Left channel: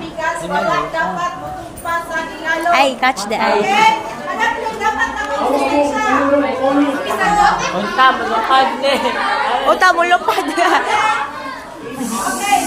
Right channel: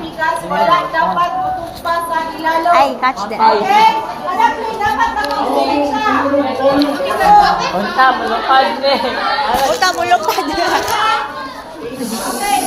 bigas, wala dapat tutumpa sa ilalo. Ay, catch the eye. Okay? Anak nyo, dapat nakonsensya. Unta, malupad na eh. Uta mo lupad. Okay,